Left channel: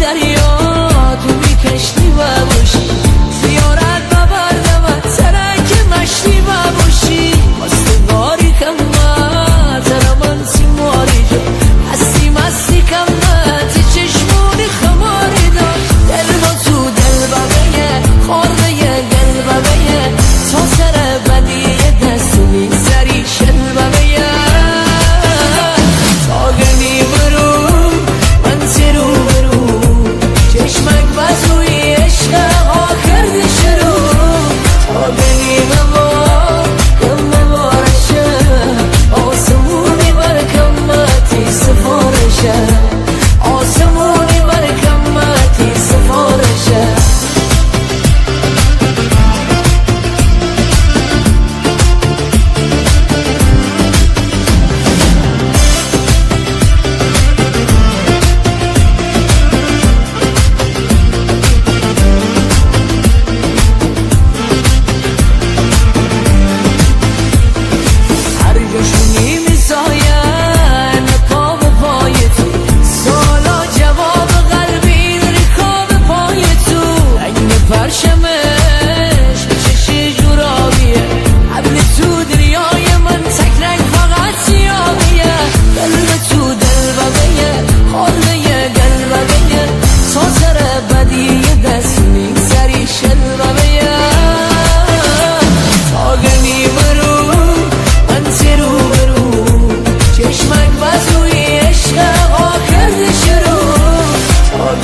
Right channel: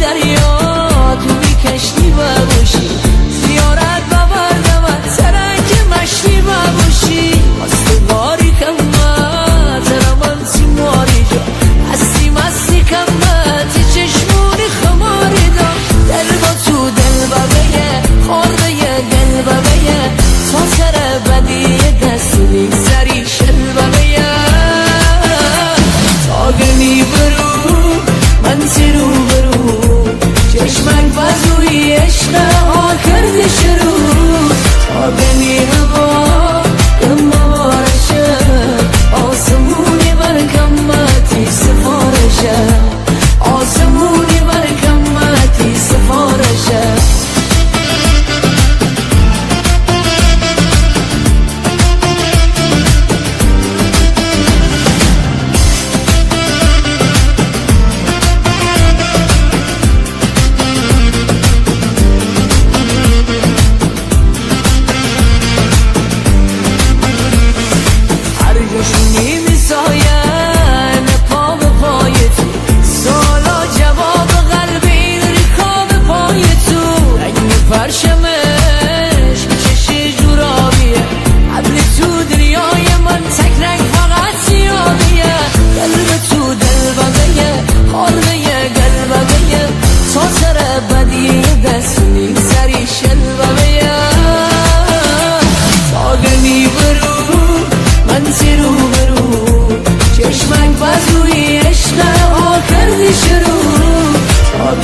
دریا تو بی کشتی باشی، زیارت ببردم ترک مشتی باشی. استواری کمت رمانسی ماری جا، هستی مستی کمت چشمونی خماری دا. دل با تو دل ببیه خورده گل ببیه، تا سر بدی دست میگذری شل ببیه. تا گرمی برو من تیرو برو، چشمک بزوی عشق ها کرده شروع. تا گرمی هوا کم بارشه، آسمونی بر کمتی سفارشه، آسمونی بر کمتی سفارشه. جاشونی میساین پا به پای تو، سالا جواب قلبی ریکاب پای تو. رنگ پرشمش چشی جورابیه، حبل تو دریای من تک رنگ فقط سیابیه. دل به تو دل ببیه خورده گل ببیه، تا سر بدی دست میگذری شل ببیه. تا گرمی برو من تیرو برو، چشمک بزوی عشق ها کردی شروع. تا